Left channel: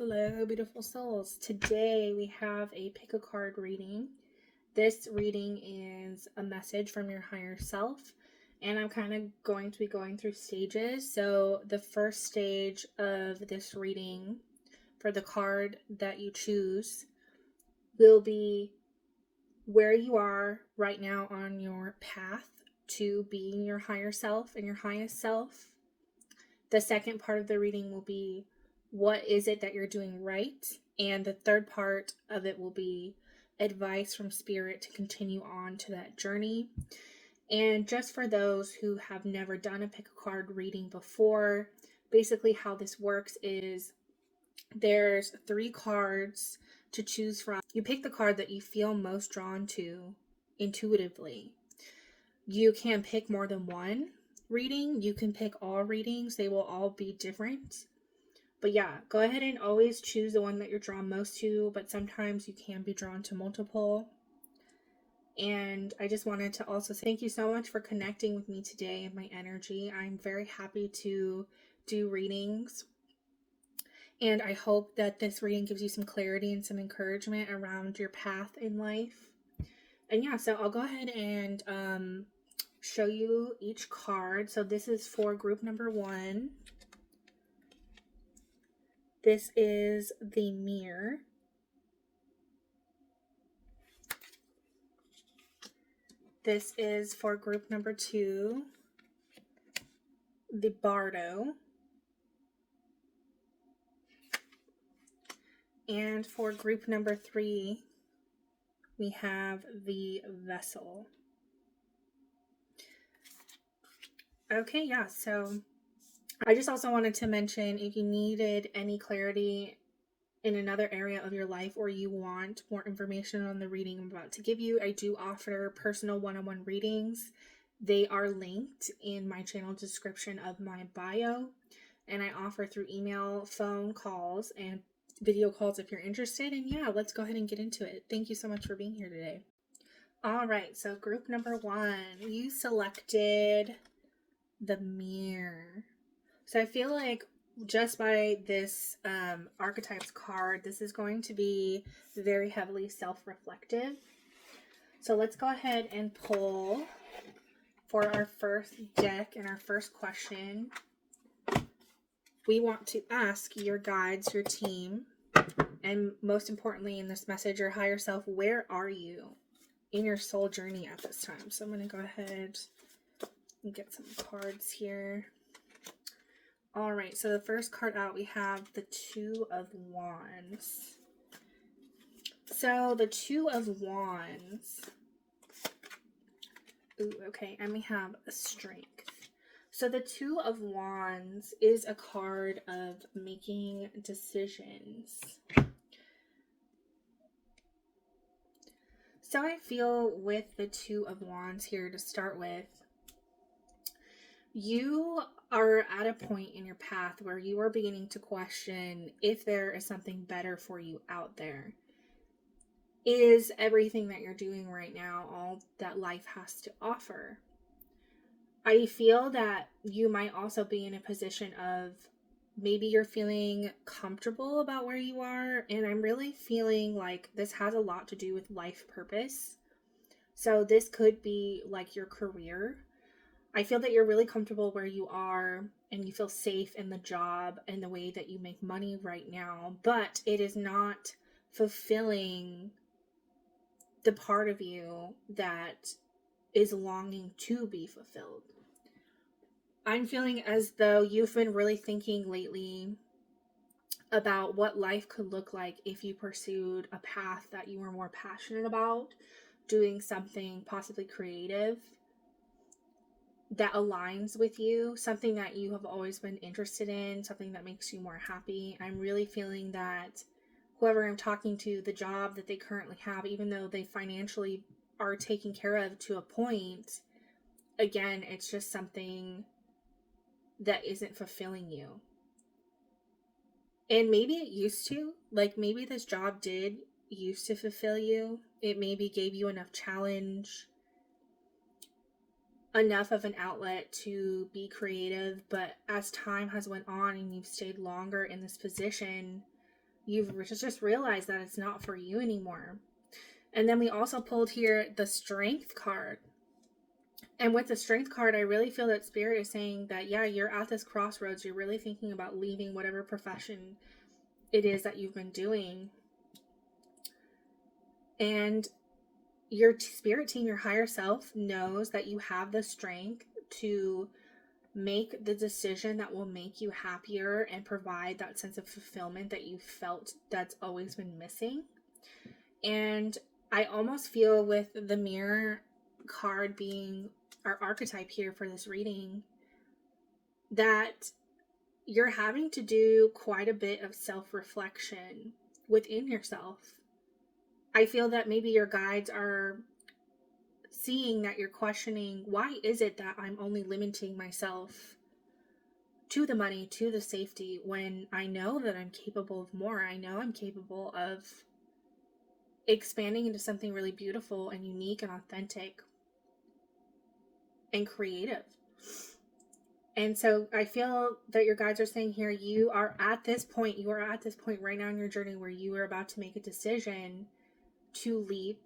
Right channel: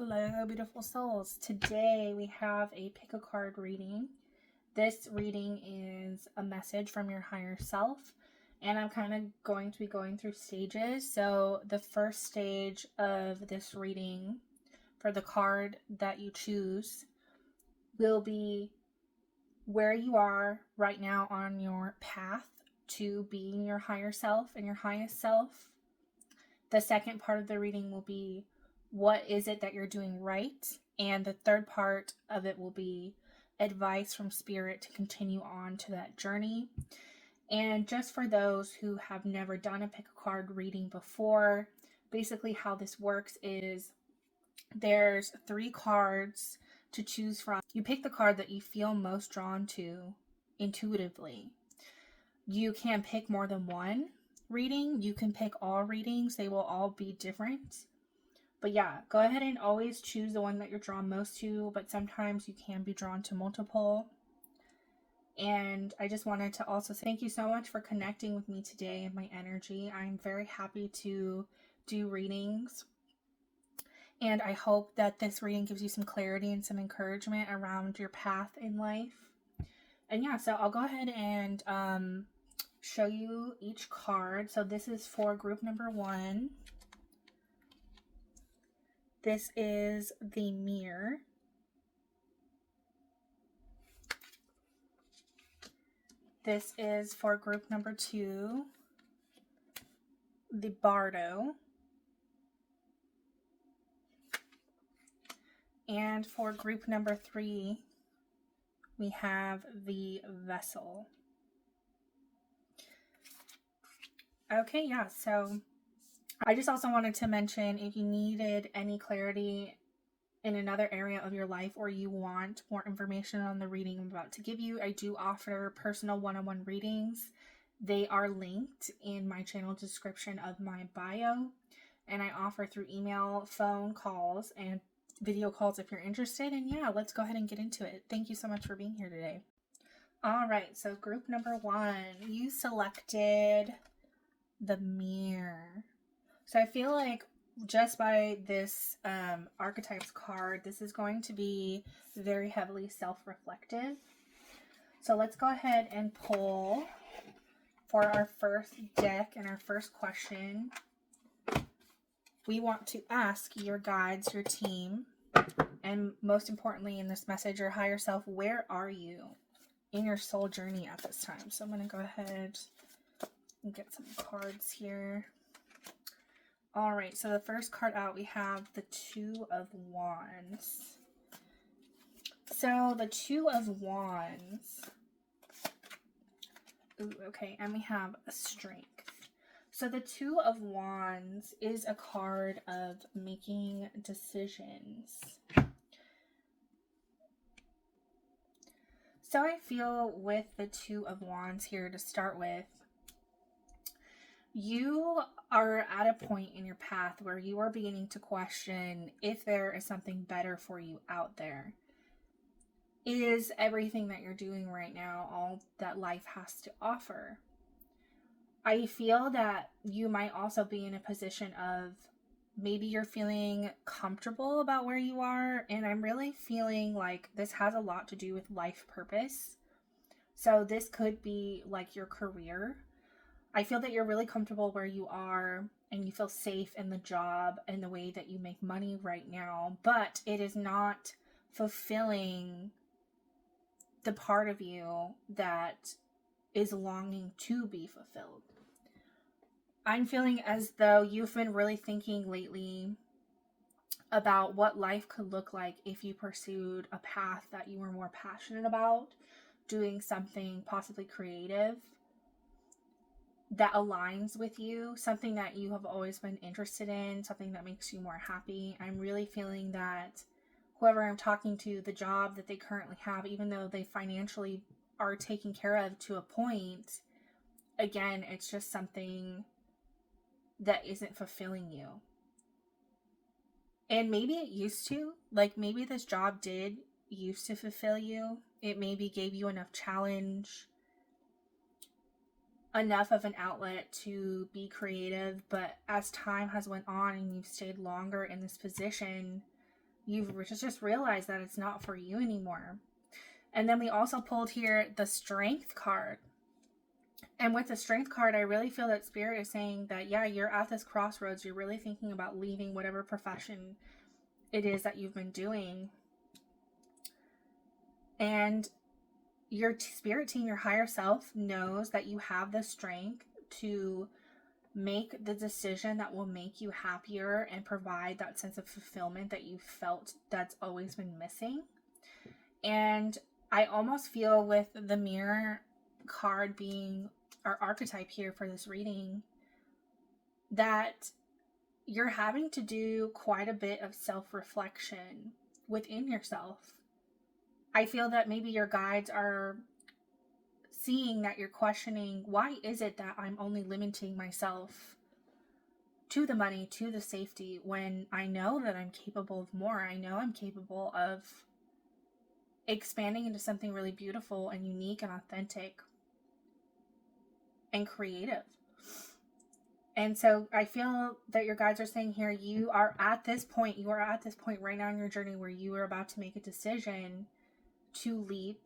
Hello, beautiful souls. Today we have a pick a card reading. This reading is a message from your higher self, and I'm kind of going to be going through stages. So the first stage of this reading for the card that you choose will be where you are right now on your path to being your higher self and your highest self. The second part of the reading will be what is it that you're doing right? And the third part of it will be advice from spirit to continue on to that journey. And just for those who have never done a pick a card reading before, basically how this works is there's 3 cards to choose from. You pick the card that you feel most drawn to intuitively. You can pick more than one reading. You can pick all readings. They will all be different. But yeah, go ahead and always choose the one that you're drawn most to, but sometimes you can be drawn to multiple. And I just wanted to also say thank you so much for connecting with me today and my energy. I'm very happy to do readings. And I hope that this reading gives you some clarity and some encouragement around your path in life. And yeah, so I'll go ahead and show you each card. So this is for group number 1. This is the Mirror. This is for group number 2, the Bardo. And for group number 3, we have the Vessel. Okay, yeah, so I just also wanted to mention if you needed any clarity in another area of your life or you want more information on the reading I'm about to give you, I do offer personal one-on-one readings. They are linked in my channel description of my bio, and I offer through email, phone calls, and video calls if you're interested. And yeah, let's go ahead and get into it. Thank you so much for being here today. All right, so group number 1, you selected the Mirror. So I feel like just by this archetypes card, this is going to be very heavily self-reflective. So let's go ahead and pull for our first deck and our first question. We want to ask your guides, your team, and most importantly in this message, your higher self, where are you in your soul journey at this time? So I'm going to go ahead and get some cards here. All right, so the first card out, we have the 2 of Wands. So the 2 of Wands. Ooh, okay, and we have Strength. So the 2 of Wands is a card of making decisions. So I feel with the 2 of Wands here to start with, you are at a point in your path where you are beginning to question if there is something better for you out there. Is everything that you're doing right now all that life has to offer? I feel that you might also be in a position of maybe you're feeling comfortable about where you are, and I'm really feeling like this has a lot to do with life purpose. So this could be like your career. I feel that you're really comfortable where you are and you feel safe in the job and the way that you make money right now, but it is not fulfilling the part of you that is longing to be fulfilled. I'm feeling as though you've been really thinking lately about what life could look like if you pursued a path that you were more passionate about, doing something possibly creative that aligns with you, something that you have always been interested in, something that makes you more happy. I'm really feeling that whoever I'm talking to, the job that they currently have, even though they financially are taken care of to a point, again, it's just something that isn't fulfilling you. And maybe it used to, like maybe this job did used to fulfill you. It maybe gave you enough challenge, enough of an outlet to be creative, but as time has went on and you've stayed longer in this position, you've just realized that it's not for you anymore. And then we also pulled here the Strength card. And with the Strength card, I really feel that Spirit is saying that, yeah, you're at this crossroads. You're really thinking about leaving whatever profession it is that you've been doing. And your spirit team, your higher self, knows that you have the strength to make the decision that will make you happier and provide that sense of fulfillment that you felt that's always been missing. And I almost feel with the Mirror card being our archetype here for this reading, that you're having to do quite a bit of self-reflection within yourself. I feel that maybe your guides are seeing that you're questioning, why is it that I'm only limiting myself to the money, to the safety, when I know that I'm capable of more. I know I'm capable of expanding into something really beautiful and unique and authentic and creative. And so I feel that your guides are saying here, you are at this point right now in your journey where you are about to make a decision to leap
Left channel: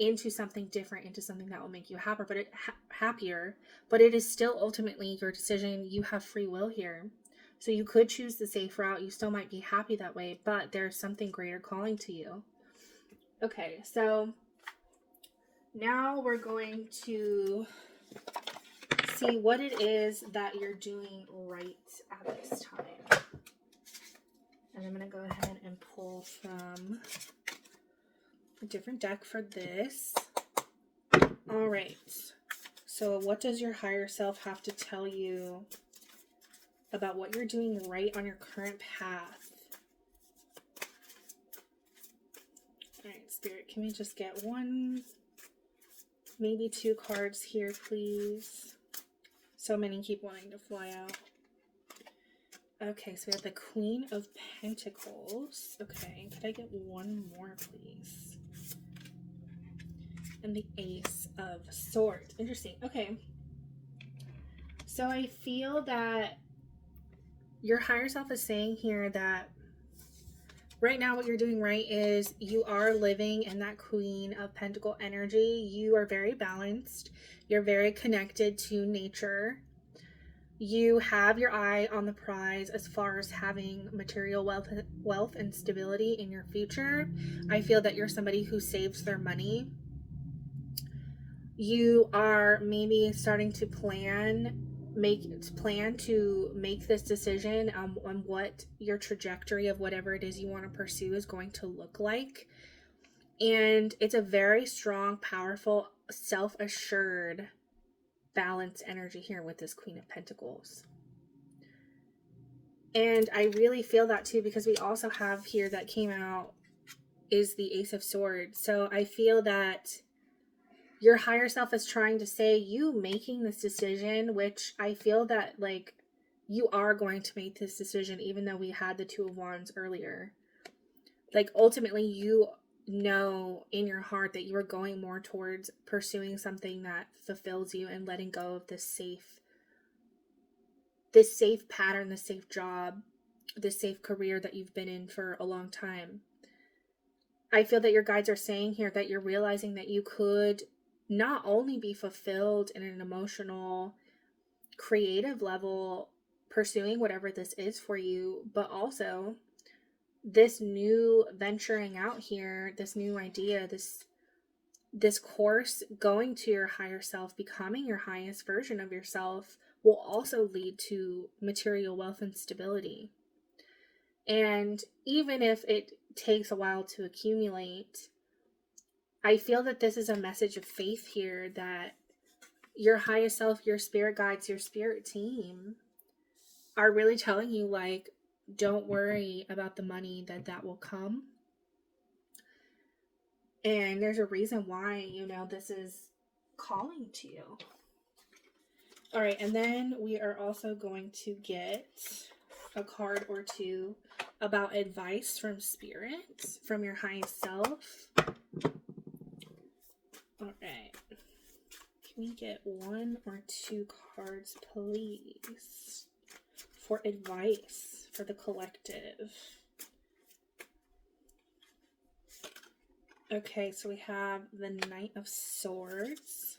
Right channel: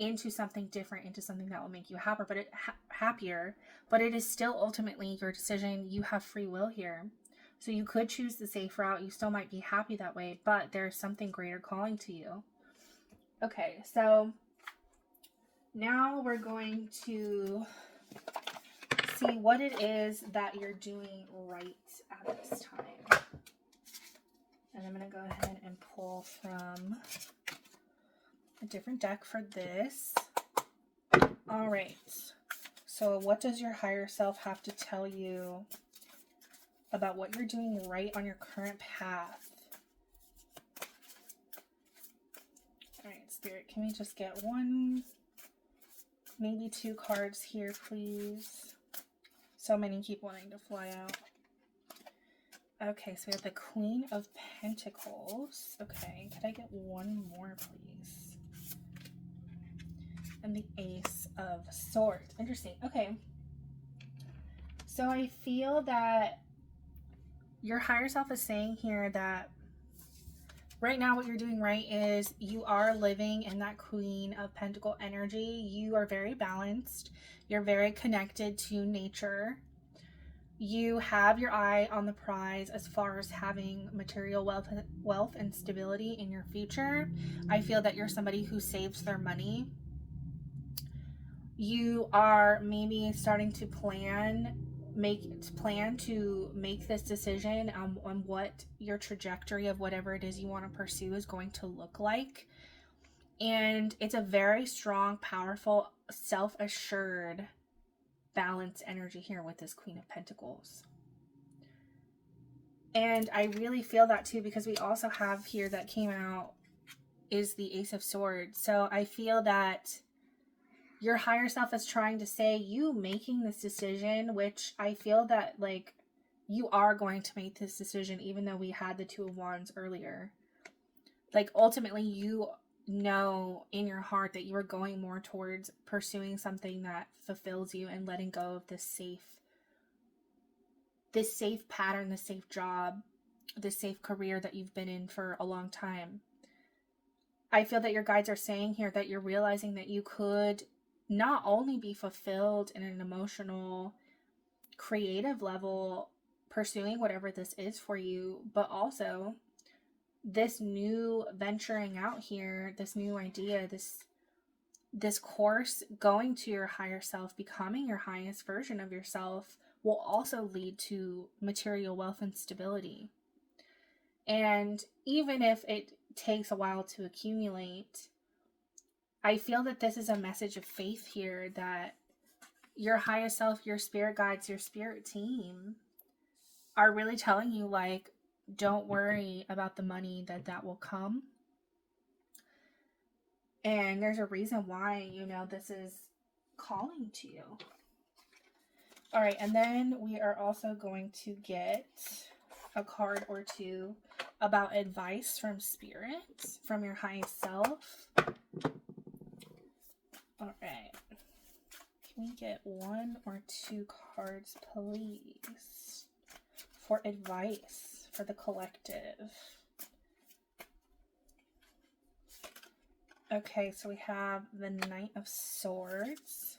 into something different, into something that will make you happier, but it is still ultimately your decision. You have free will here. So you could choose the safe route. You still might be happy that way, but there's something greater calling to you. Okay, so now we're going to see what it is that you're doing right at this time. And I'm going to go ahead and pull from a different deck for this. All right. So what does your higher self have to tell you about what you're doing right on your current path? All right, Spirit, can we just get one, maybe two cards here, please? So many keep wanting to fly out. Okay, so we have the Queen of Pentacles. Okay, could I get one more, please? And the Ace of Swords. Interesting. Okay. So I feel that your higher self is saying here that right now what you're doing right is you are living in that Queen of Pentacle energy. You are very balanced. You're very connected to nature. You have your eye on the prize as far as having material wealth and stability in your future. I feel that you're somebody who saves their money. You are maybe starting to plan to make this decision on what your trajectory of whatever it is you want to pursue is going to look like. And it's a very strong, powerful, self-assured, balanced energy here with this Queen of Pentacles. And I really feel that too, because we also have here that came out is the Ace of Swords. So I feel that your higher self is trying to say, you making this decision, which I feel that like you are going to make this decision, even though we had the Two of Wands earlier. Like ultimately you know in your heart that you are going more towards pursuing something that fulfills you and letting go of this safe pattern, this safe job, this safe career that you've been in for a long time. I feel that your guides are saying here that you're realizing that you could not only be fulfilled in an emotional, creative level, pursuing whatever this is for you, but also this new venturing out here, this new idea, this course, going to your higher self, becoming your highest version of yourself, will also lead to material wealth and stability. And even if it takes a while to accumulate, I feel that this is a message of faith here, that your highest self, your spirit guides, your spirit team are really telling you, like, don't worry about the money that will come. And there's a reason why, this is calling to you. All right, and then we are also going to get a card or two about advice from Spirit, from your highest self. All right. Can we get one or two cards, please, for advice for the collective? Okay, so we have the Knight of Swords.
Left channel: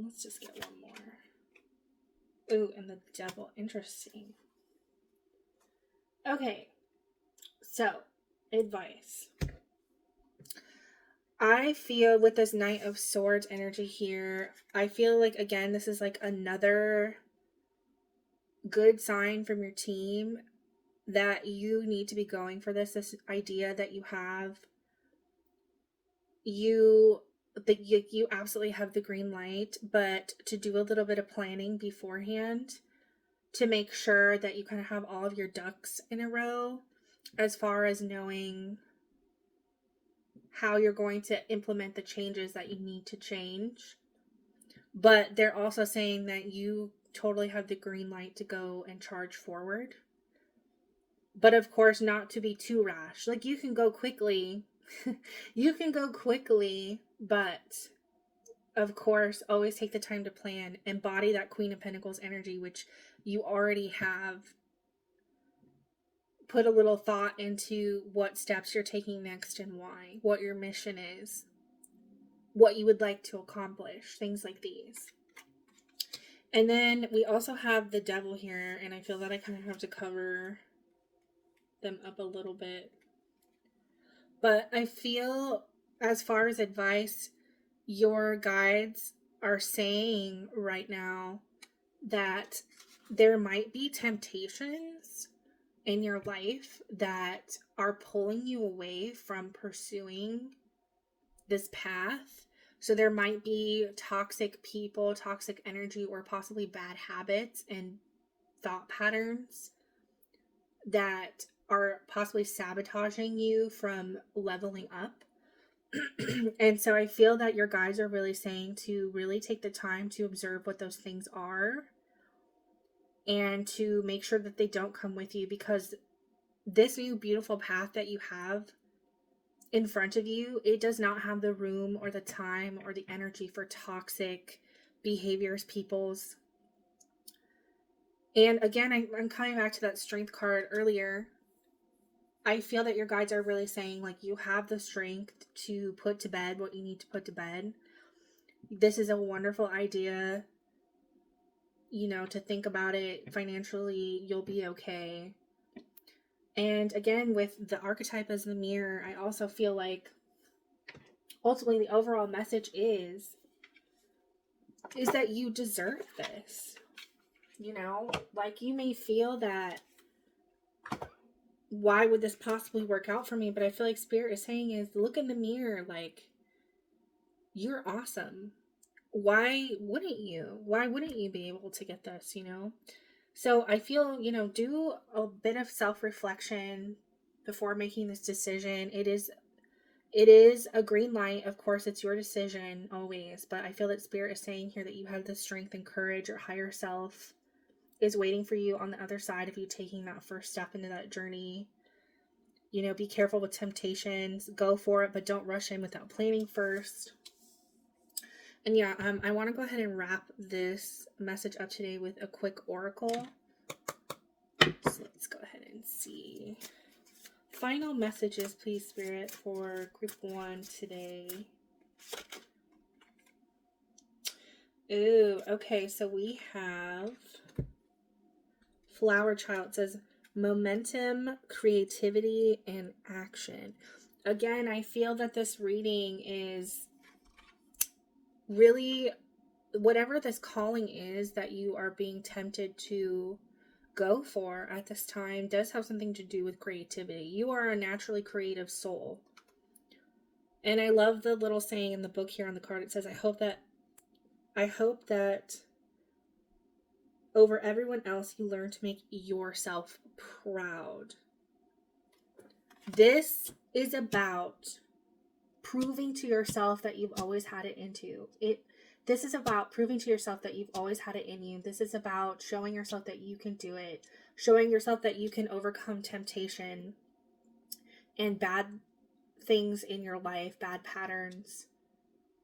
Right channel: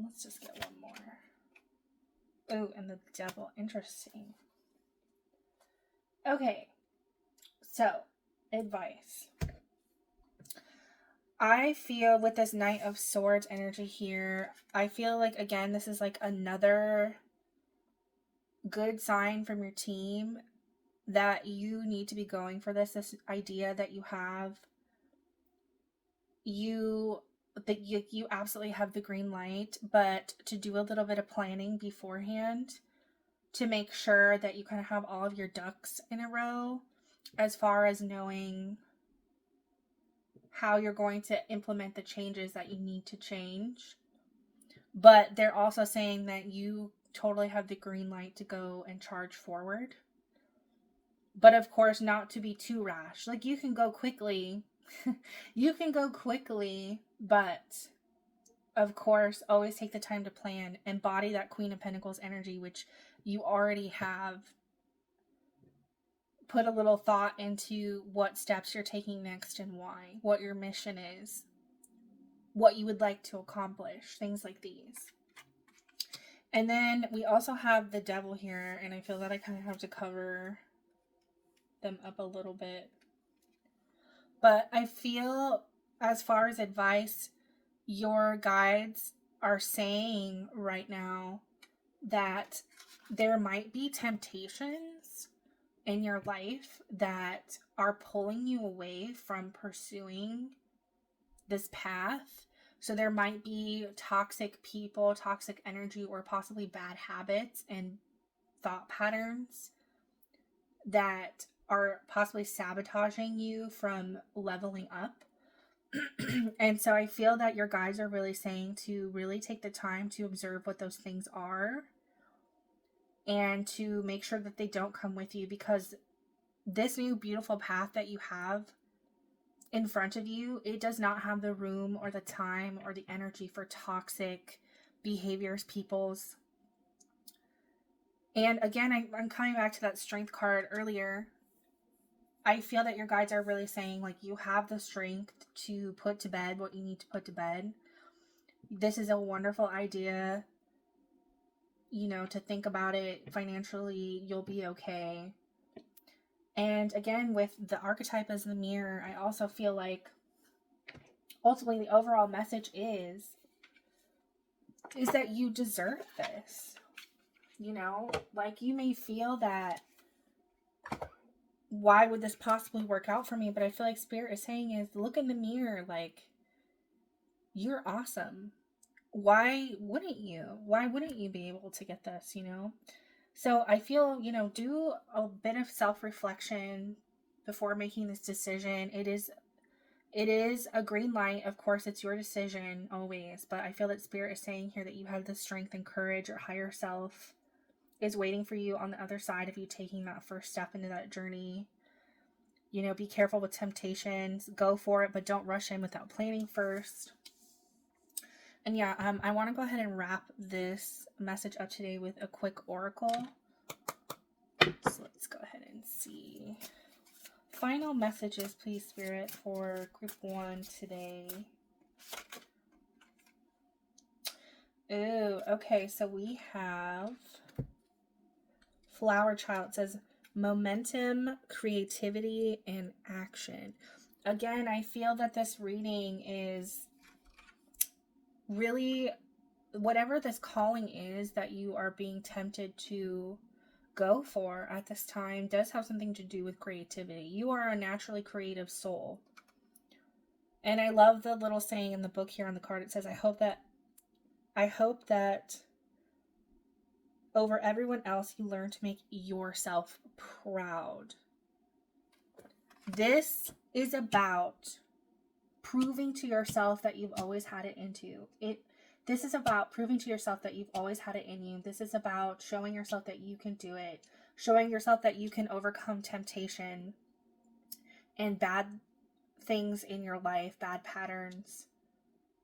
Let's just get one more. Ooh, and the Devil. Interesting. Okay, so advice. I feel with this Knight of Swords energy here, I feel like, again, this is like another good sign from your team that you need to be going for this idea that you have, you absolutely have the green light, but to do a little bit of planning beforehand to make sure that you kind of have all of your ducks in a row as far as knowing how you're going to implement the changes that you need to change. But they're also saying that you totally have the green light to go and charge forward. But of course, not to be too rash. Like, you can go quickly. You can go quickly, but of course, always take the time to plan. Embody that Queen of Pentacles energy, which you already have put a little thought into what steps you're taking next and why, what your mission is, what you would like to accomplish, things like these. And then we also have the Devil here, and I feel that I kind of have to cover them up a little bit. But I feel, as far as advice, your guides are saying right now that there might be temptations in your life that are pulling you away from pursuing this path. So there might be toxic people, toxic energy, or possibly bad habits and thought patterns that are possibly sabotaging you from leveling up. And so I feel that your guides are really saying to really take the time to observe what those things are and to make sure that they don't come with you, because this new beautiful path that you have in front of you, it does not have the room or the time or the energy for toxic behaviors, peoples. And again, I'm coming back to that Strength card earlier. I feel that your guides are really saying, like, you have the strength to put to bed what you need to put to bed. This is a wonderful idea, you know, to think about it financially. You'll be okay. And again, with the archetype as the mirror, I also feel like ultimately the overall message is that you deserve this. You know, like, you may feel that, why would this possibly work out for me? But I feel like Spirit is saying is, look in the mirror, like, you're awesome. Why wouldn't you? Why wouldn't you be able to get this, you know? So I feel, you know, do a bit of self-reflection before making this decision. It is a green light. Of course, it's your decision always, but I feel that Spirit is saying here that you have the strength and courage. Your higher self is waiting for you on the other side of you taking that first step into that journey. You know, be careful with temptations. Go for it, but don't rush in without planning first. And yeah, I want to go ahead and wrap this message up today with a quick oracle. So let's go ahead and see. Final messages, please, Spirit, for group 1 today. Ooh, okay, so we have Flower Child. It says momentum, creativity, and action. Again, I feel that this reading is really, whatever this calling is that you are being tempted to go for at this time does have something to do with creativity. You are a naturally creative soul. And I love the little saying in the book here on the card. It says, I hope that over everyone else, you learn to make yourself proud. This is about proving to yourself that you've always had it This is about proving to yourself that you've always had it in you. This is about showing yourself that you can do it. Showing yourself that you can overcome temptation and bad things in your life, bad patterns.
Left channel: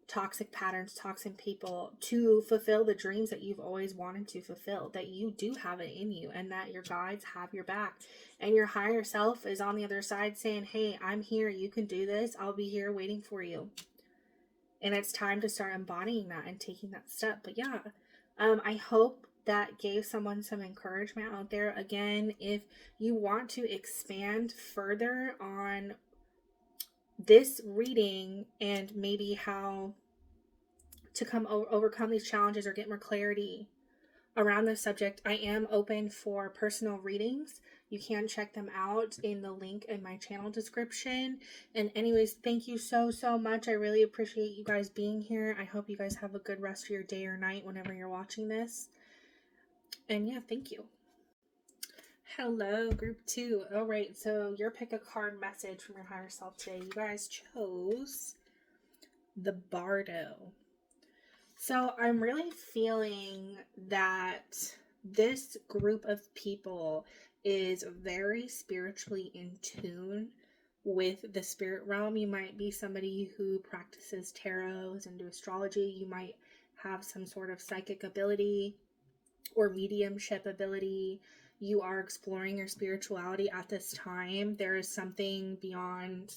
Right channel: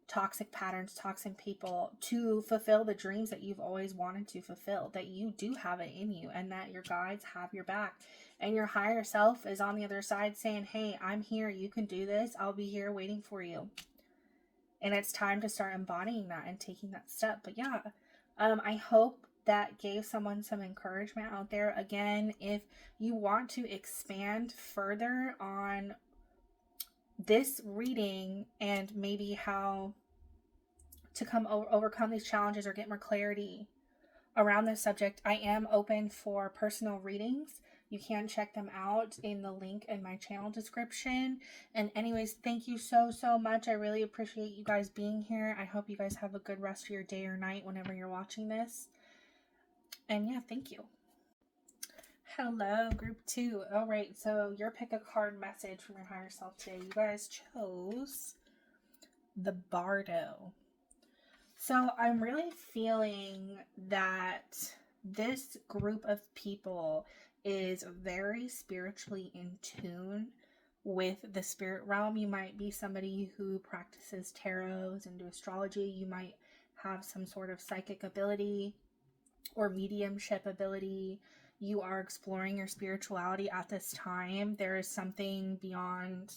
toxic patterns, toxic people, to fulfill the dreams that you've always wanted to fulfill, that you do have it in you, and that your guides have your back, and your higher self is on the other side saying, hey, I'm here, you can do this, I'll be here waiting for you. And it's time to start embodying that and taking that step. But yeah, I hope that gave someone some encouragement out there. Again, if you want to expand further on this reading and maybe how to overcome these challenges or get more clarity around this subject, I am open for personal readings. You can check them out in the link in my channel description. And anyways, thank you so much. I really appreciate you guys being here. I hope you guys have a good rest of your day or night whenever you're watching this. And yeah, thank you. Hello, group 2. All right, so your pick a card message from your higher self today. You guys chose the Bardo. So I'm really feeling that this group of people is very spiritually in tune with the spirit realm. You might be somebody who practices tarots and do astrology. You might have some sort of psychic ability or mediumship ability. You are exploring your spirituality at this time. There is something beyond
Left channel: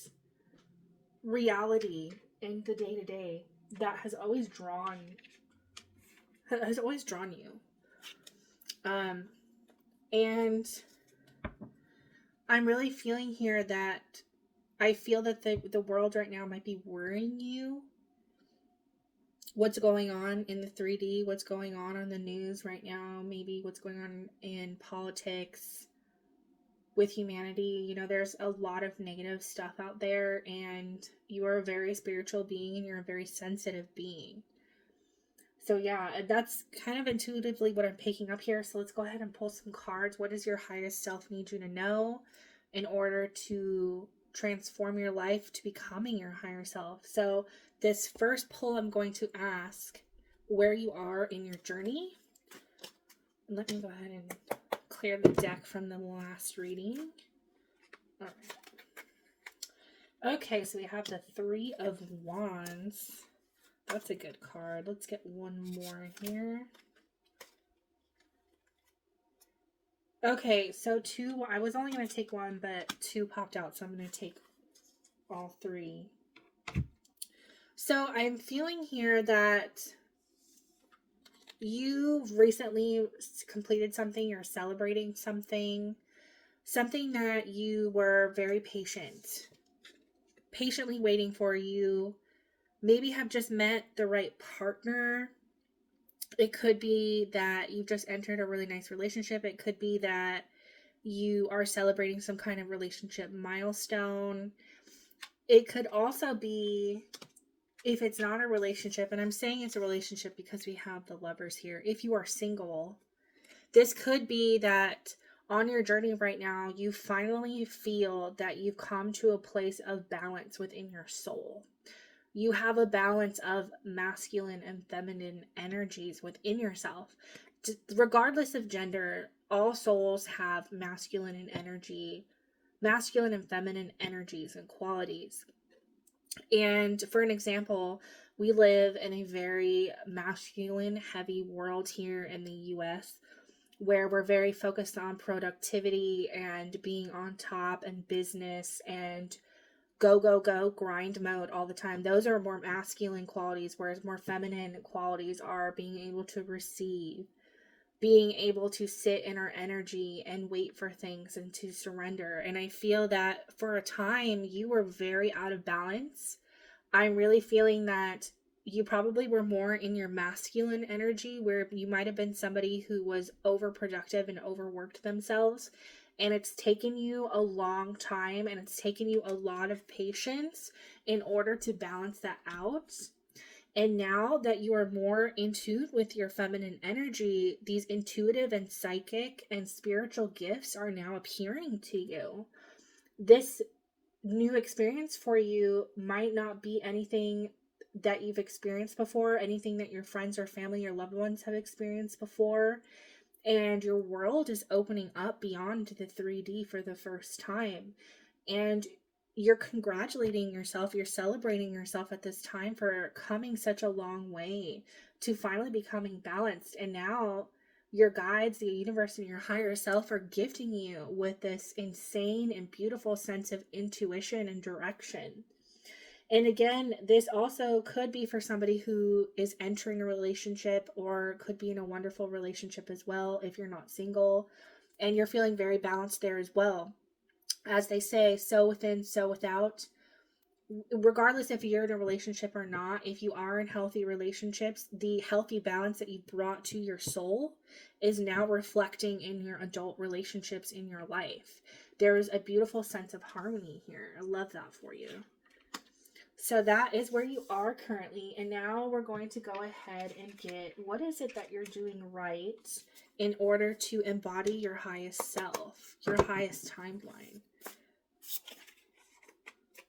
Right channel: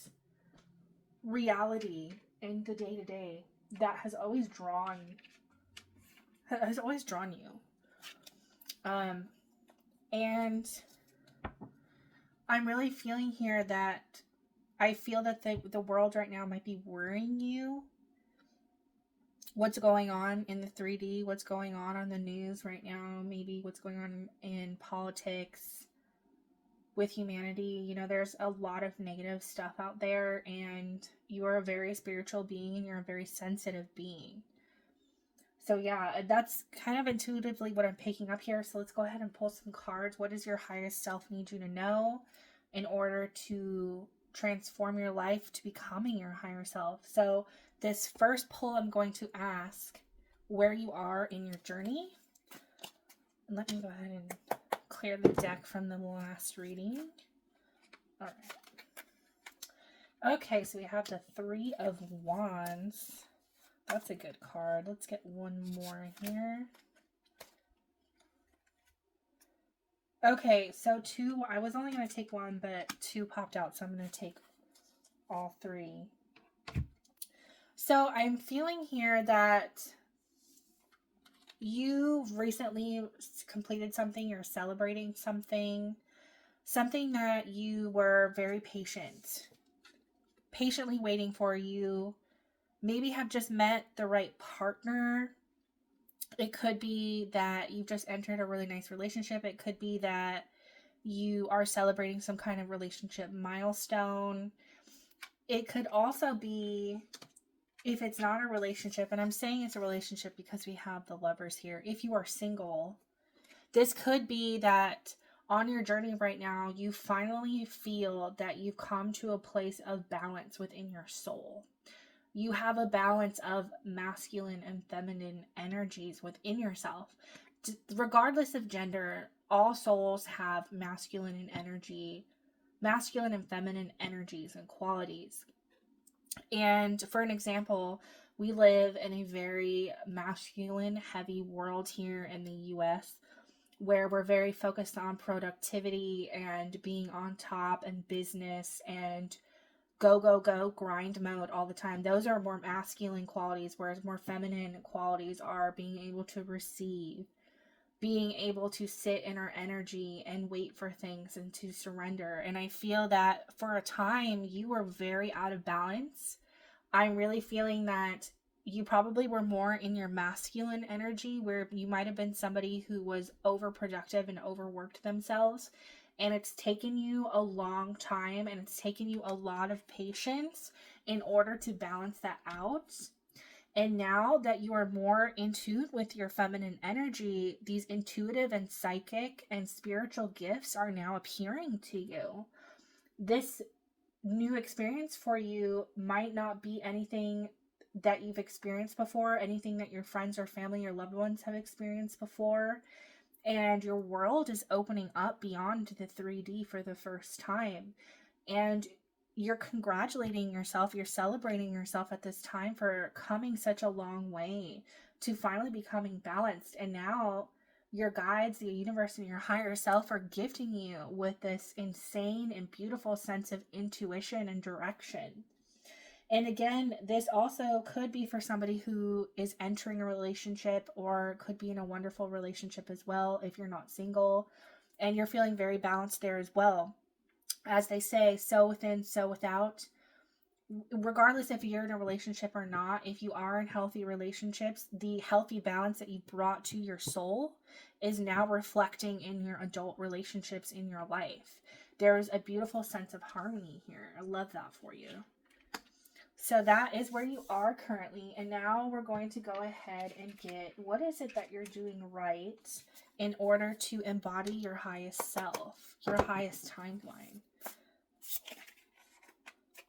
reality in the day-to-day that has always drawn you. And I'm really feeling here that I feel that the world right now might be worrying you. What's going on in the 3D, what's going on the news right now, maybe what's going on in politics with humanity. You know, there's a lot of negative stuff out there, and you are a very spiritual being and you're a very sensitive being. So yeah, that's kind of intuitively what I'm picking up here. So let's go ahead and pull some cards. What does your highest self need you to know in order to transform your life to becoming your higher self? So this first pull, I'm going to ask where you are in your journey. And let me go ahead and clear the deck from the last reading. All right. Okay, so we have the 3 of Wands. That's a good card. Let's get one more here. Okay, so 2, I was only going to take 1, but 2 popped out, so I'm going to take all 3. So I'm feeling here that you've recently completed something, you're celebrating something that you were very patiently waiting for. You maybe have just met the right partner. It could be that you've just entered a really nice relationship. It could be that you are celebrating some kind of relationship milestone. It could also be, if it's not a relationship, and I'm saying it's a relationship because we have the Lovers here. If you are single, this could be that on your journey right now, you finally feel that you've come to a place of balance within your soul. You have a balance of masculine and feminine energies within yourself. Regardless of gender, all souls have masculine and feminine energies and qualities. And for an example, we live in a very masculine heavy world here in the US, where we're very focused on productivity and being on top and business and go grind mode all the time. Those are more masculine qualities, whereas more feminine qualities are being able to receive, being able to sit in our energy and wait for things and to surrender. And I feel that for a time you were very out of balance. I'm really feeling that you probably were more in your masculine energy, where you might have been somebody who was overproductive and overworked themselves. And it's taken you a long time, and it's taken you a lot of patience in order to balance that out. And now that you are more in tune with your feminine energy, these intuitive and psychic and spiritual gifts are now appearing to you. This new experience for you might not be anything that you've experienced before, anything that your friends or family or loved ones have experienced before. And your world is opening up beyond the 3D for the first time. And you're congratulating yourself, you're celebrating yourself at this time for coming such a long way to finally becoming balanced. And now your guides, the universe, and your higher self are gifting you with this insane and beautiful sense of intuition and direction. And again, this also could be for somebody who is entering a relationship, or could be in a wonderful relationship as well if you're not single and you're feeling very balanced there as well. As they say, so within, so without. Regardless if you're in a relationship or not, if you are in healthy relationships, the healthy balance that you brought to your soul is now reflecting in your adult relationships in your life. There is a beautiful sense of harmony here. I love that for you. So that is where you are currently. And now we're going to go ahead and get, what is it that you're doing right in order to embody your highest self, your highest timeline.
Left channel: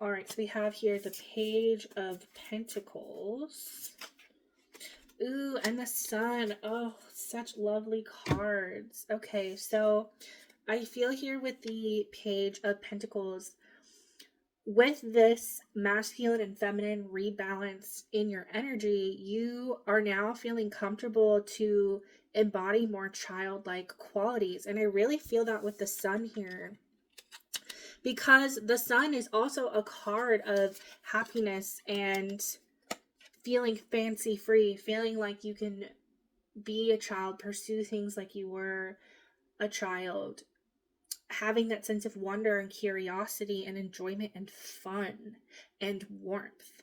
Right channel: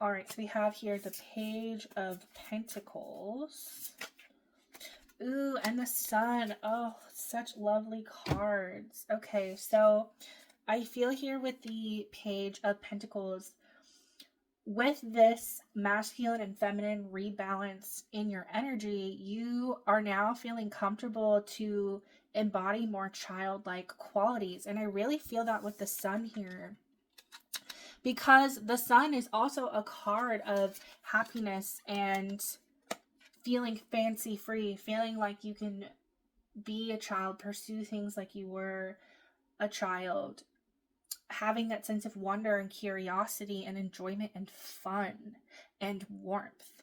All right, so we have here the Page of Pentacles. Ooh, and the Sun. Oh, such lovely cards. Okay, so I feel here with the Page of Pentacles, with this masculine and feminine rebalance in your energy, you are now feeling comfortable to embody more childlike qualities. And I really feel that with the Sun here, because the Sun is also a card of happiness and feeling fancy free, feeling like you can be a child, pursue things like you were a child, having that sense of wonder and curiosity and enjoyment and fun and warmth.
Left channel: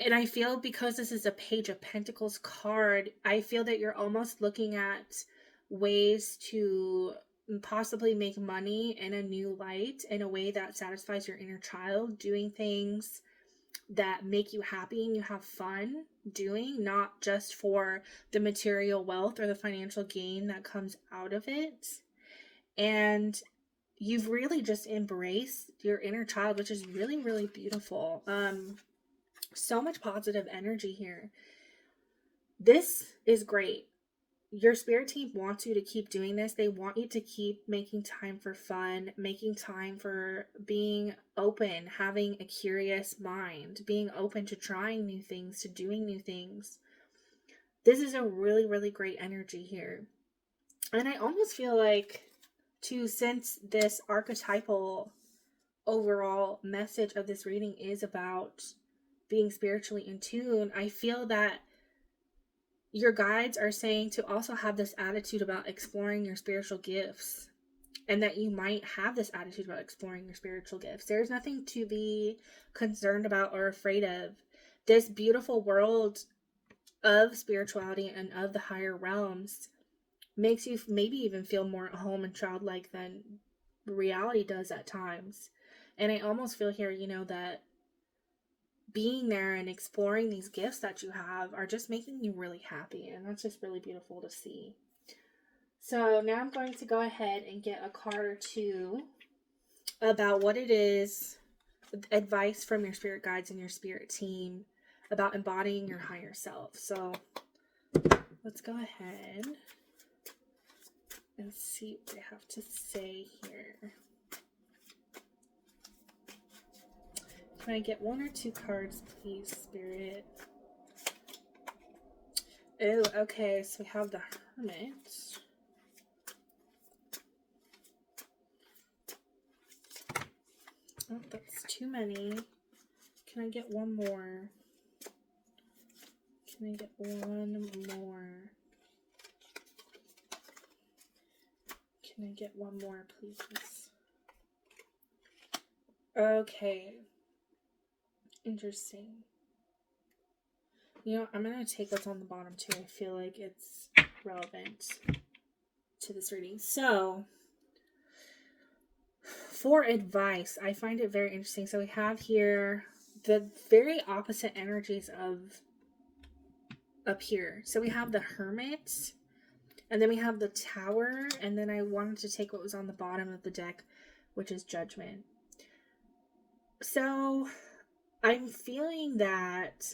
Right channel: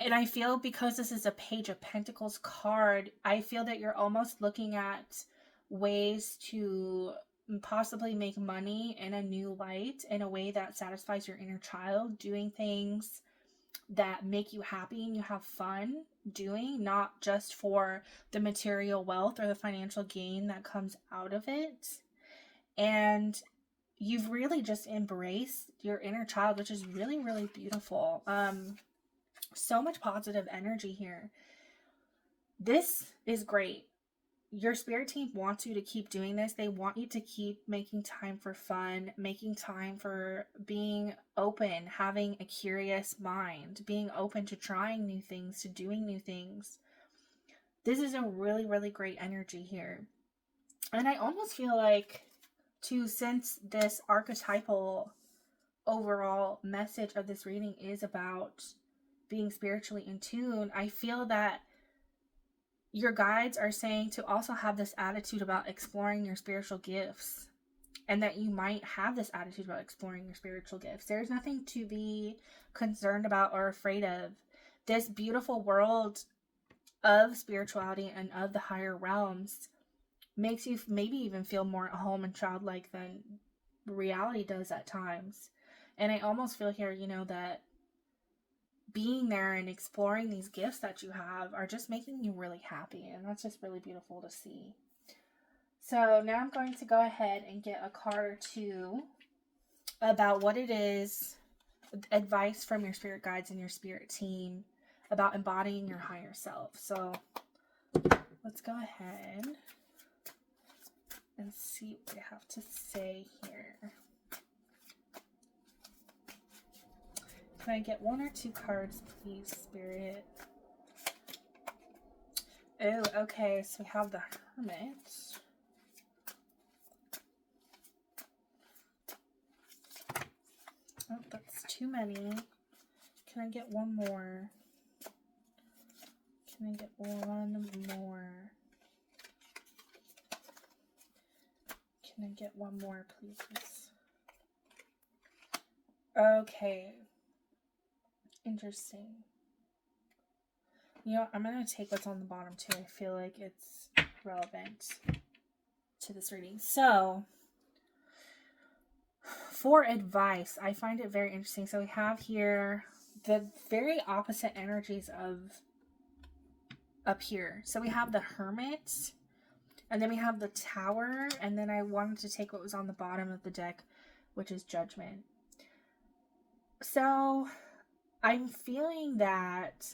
And I feel, because this is a Page of Pentacles card, I feel that you're almost looking at ways to possibly make money in a new light, in a way that satisfies your inner child, doing things that make you happy and you have fun doing, not just for the material wealth or the financial gain that comes out of it. And you've really just embraced your inner child, which is really, really beautiful. So much positive energy here. This is great. Your spirit team wants you to keep doing this. They want you to keep making time for fun, making time for being open, having a curious mind, being open to trying new things, to doing new things. This is a really, really great energy here. And I almost feel like, too, since this archetypal overall message of this reading is about being spiritually in tune, I feel that your guides are saying to also have this attitude about exploring your spiritual gifts, and that you might have this attitude about exploring your spiritual gifts. There's nothing to be concerned about or afraid of. This beautiful world of spirituality and of the higher realms makes you maybe even feel more at home and childlike than reality does at times. And I almost feel here, that being there and exploring these gifts that you have are just making you really happy. And that's just really beautiful to see. So now I'm going to go ahead and get a card or two about what it is, advice from your spirit guides and your spirit team about embodying your higher self. So let's go ahead and see what they have to say here. Can I get one or two cards, please, Spirit? Oh, okay, so we have the Hermit. Oh, that's too many. Can I get one more? Can I get one more? Can I get one more, please? Okay. Interesting. I'm going to take what's on the bottom too. I feel like it's relevant to this reading. So, for advice, I find it very interesting. So we have here the very opposite energies of up here. So we have the Hermit, and then we have the Tower, and then I wanted to take what was on the bottom of the deck, which is Judgment. So I'm feeling that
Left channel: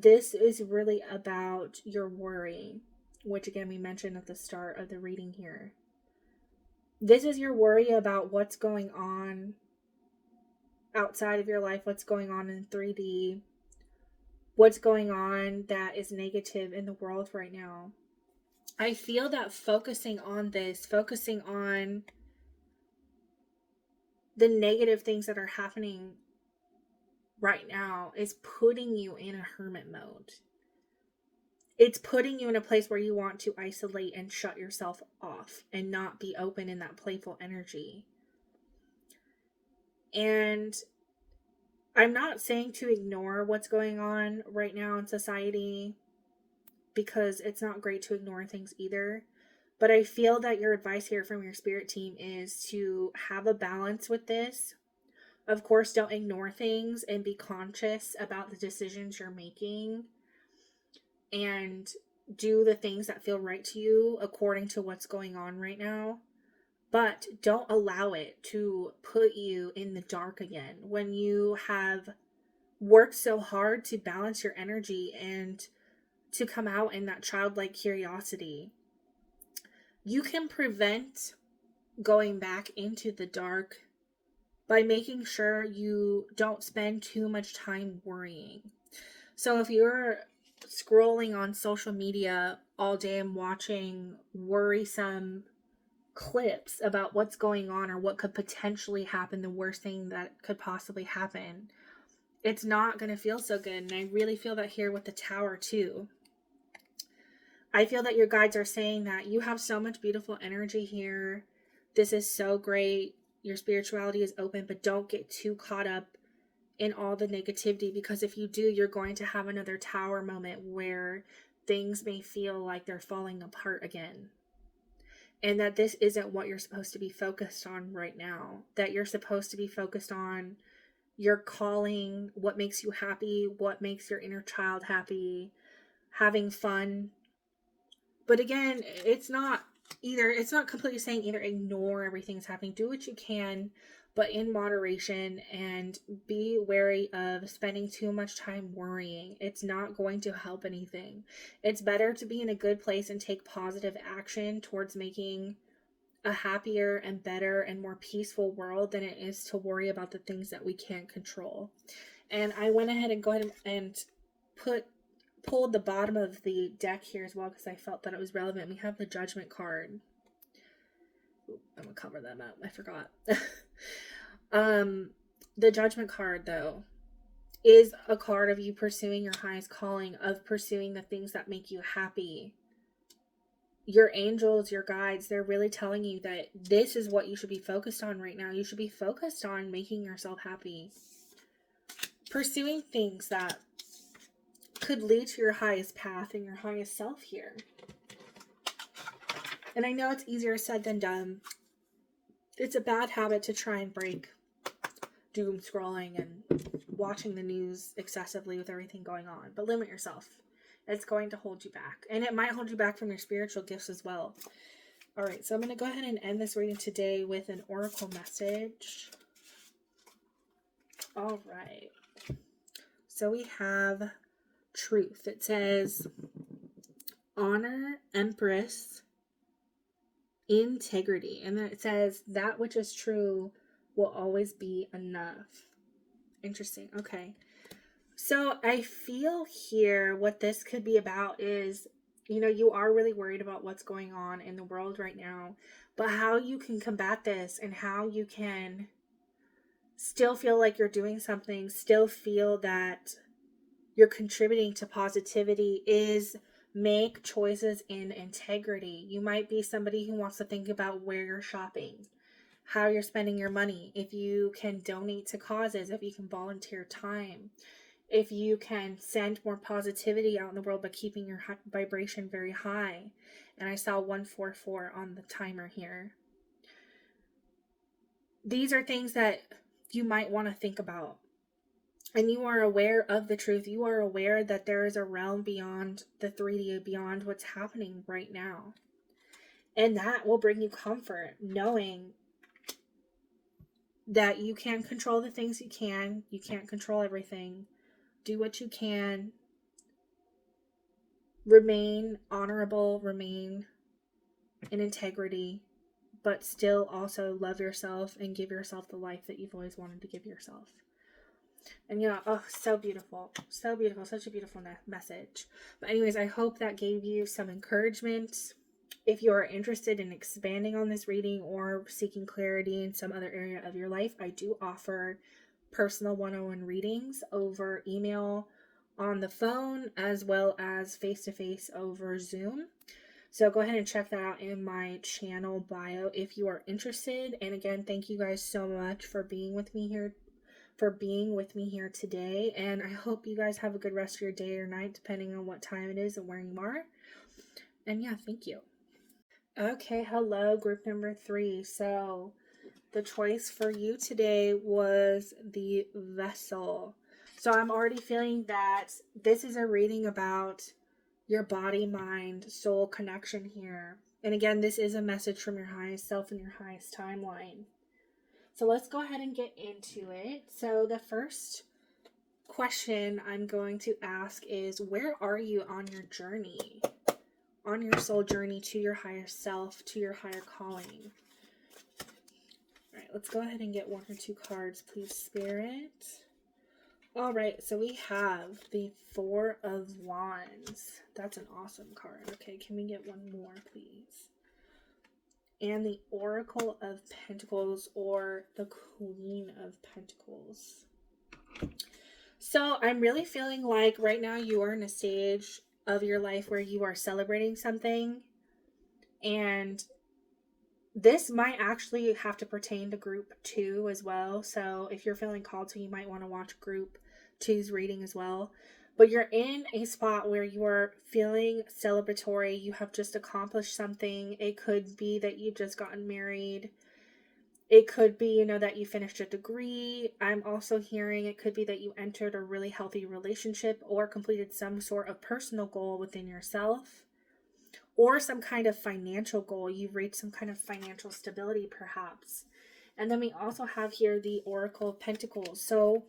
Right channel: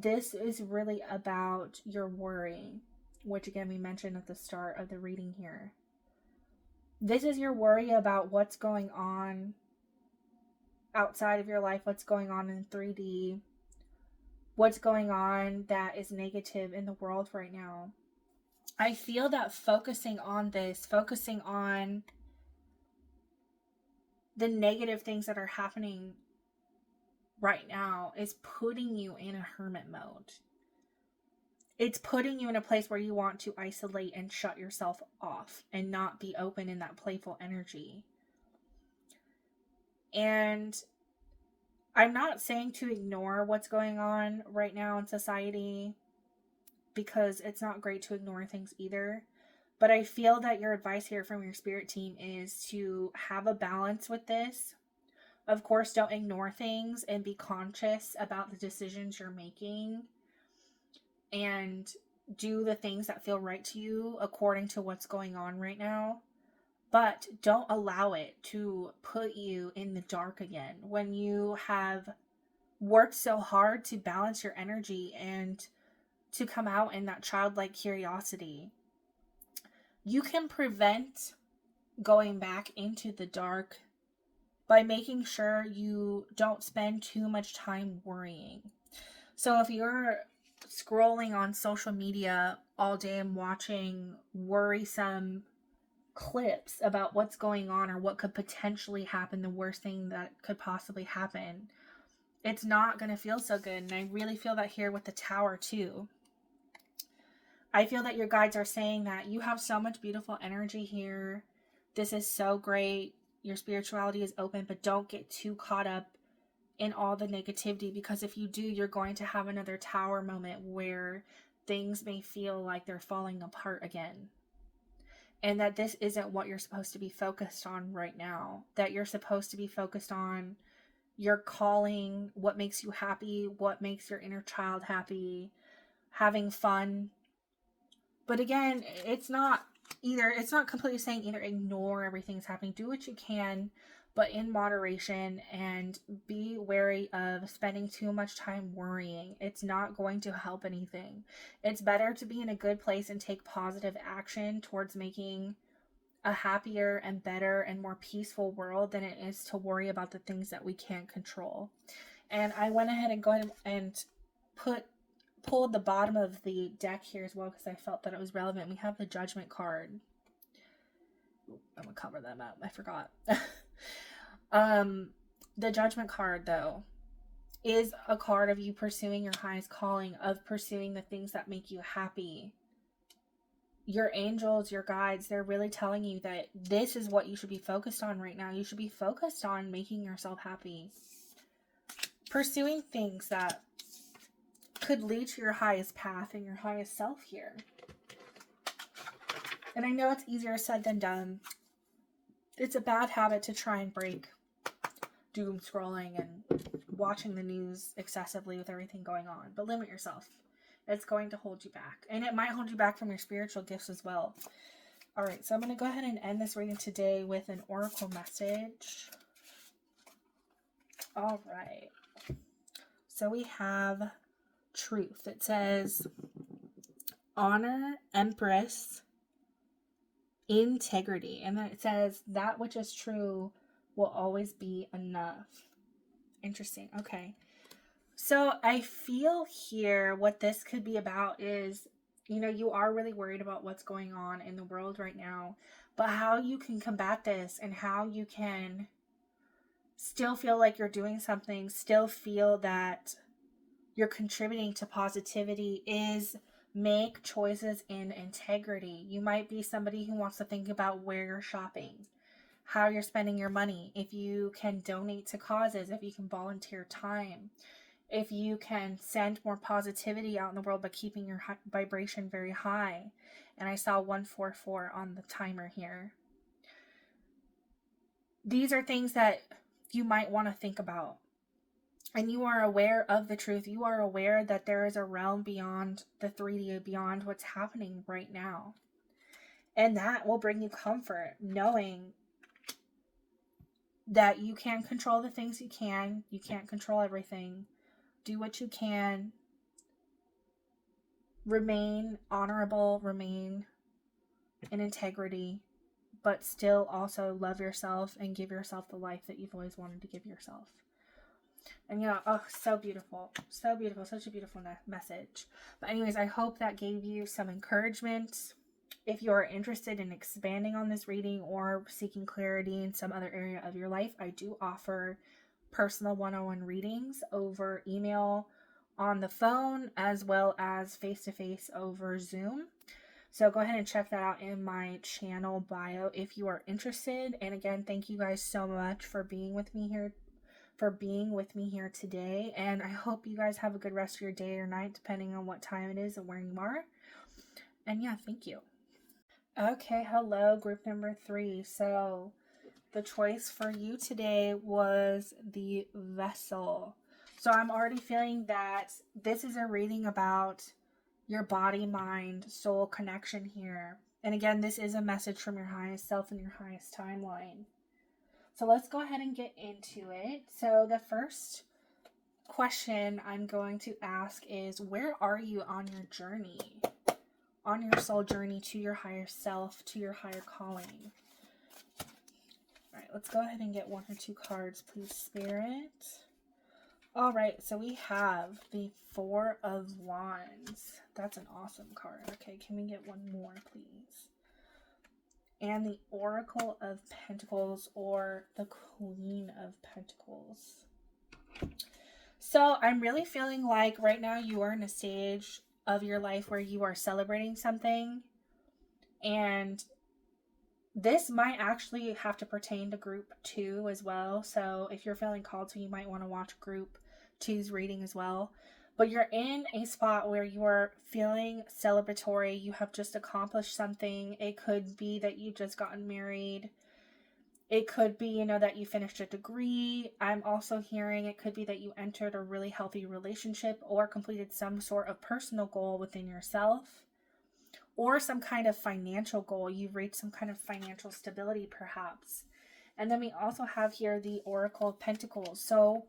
this is really about your worry, which again we mentioned at the start of the reading here. This is your worry about what's going on outside of your life, what's going on in 3D, what's going on that is negative in the world right now. I feel that focusing on this, focusing on the negative things that are happening right now, is putting you in a hermit mode. It's putting you in a place where you want to isolate and shut yourself off and not be open in that playful energy. And I'm not saying to ignore what's going on right now in society, because it's not great to ignore things either. But I feel that your advice here from your spirit team is to have a balance with this. Of course, don't ignore things and be conscious about the decisions you're making and do the things that feel right to you according to what's going on right now. But don't allow it to put you in the dark again when you have worked so hard to balance your energy and to come out in that childlike curiosity. You can prevent going back into the dark by making sure you don't spend too much time worrying. So if you're scrolling on social media all day and watching worrisome clips about what's going on or what could potentially happen, the worst thing that could possibly happen, it's not going to feel so good. And I really feel that here with the Tower too. I feel that your guides are saying that you have so much beautiful energy here. This is so great. Your spirituality is open, but don't get too caught up in all the negativity, because if you do, you're going to have another Tower moment where things may feel like they're falling apart again. And that this isn't what you're supposed to be focused on right now. That you're supposed to be focused on your calling, what makes you happy, what makes your inner child happy, having fun. But again, it's not completely saying either ignore everything that's happening. Do what you can, but in moderation, and be wary of spending too much time worrying. It's not going to help anything. It's better to be in a good place and take positive action towards making a happier and better and more peaceful world than it is to worry about the things that we can't control. And I went ahead and pulled the bottom of the deck here as well, because I felt that it was relevant. We have the Judgment card. I'm gonna cover them up. I forgot. The Judgment card, though, is a card of you pursuing your highest calling, of pursuing the things that make you happy. Your angels, your guides, they're really telling you that this is what you should be focused on right now. You should be focused on making yourself happy. Pursuing things that could lead to your highest path and your highest self here. And I know it's easier said than done. It's a bad habit to try and break, doom scrolling and watching the news excessively with everything going on. But limit yourself. It's going to hold you back. And it might hold you back from your spiritual gifts as well. Alright, so I'm going to go ahead and end this reading today with an oracle message. Alright. So we have Truth. It says, honor, empress, integrity. And then it says, that which is true will always be enough. Interesting. Okay. So I feel here what this could be about is, you are really worried about what's going on in the world right now, but how you can combat this and how you can still feel like you're doing something, still feel that you're contributing to positivity, is make choices in integrity. You might be somebody who wants to think about where you're shopping, how you're spending your money, if you can donate to causes, if you can volunteer time, if you can send more positivity out in the world by keeping your vibration very high. And I saw 144 on the timer here. These are things that you might want to think about. And you are aware of the truth. You are aware that there is a realm beyond the 3D, beyond what's happening right now. And that will bring you comfort, knowing that you can control the things you can. You can't control everything. Do what you can. Remain honorable. Remain in integrity. but still also love yourself and give yourself the life that you've always wanted to give yourself. And yeah, oh, so beautiful. So beautiful. Such a beautiful message. But anyways, I hope that gave you some encouragement. If you are interested in expanding on this reading or seeking clarity in some other area of your life, I do offer personal one-on-one readings over email, on the phone, as well as face-to-face over Zoom. So go ahead and check that out in my channel bio if you are interested. And again, thank you guys so much for being with me here today. And I hope you guys have a good rest of your day or night, depending on what time it is and where you are. And yeah, thank you. Okay, hello, group number 3. So the choice for you today was the Vessel. So I'm already feeling that this is a reading about your body, mind, soul connection here. And again, this is a message from your highest self and your highest timeline. So let's go ahead and get into it. So the first question I'm going to ask is, where are you on your journey? On your soul journey to your higher self, to your higher calling. All right, let's go ahead and get 1 or 2 cards, please, Spirit. All right, so we have the 4 of Wands. That's an awesome card. Okay, can we get one more, please? And the Oracle of Pentacles, or the Queen of Pentacles. So I'm really feeling like right now you are in a stage of your life where you are celebrating something, and this might actually have to pertain to group 2 as well. So if you're feeling called to, you might want to watch group 2's reading as well. But you're in a spot where you are feeling celebratory. You have just accomplished something. It could be that you've just gotten married. It could be, that you finished a degree. I'm also hearing it could be that you entered a really healthy relationship or completed some sort of personal goal within yourself, or some kind of financial goal. You've reached some kind of financial stability, perhaps. And then we also have here the Oracle of Pentacles. So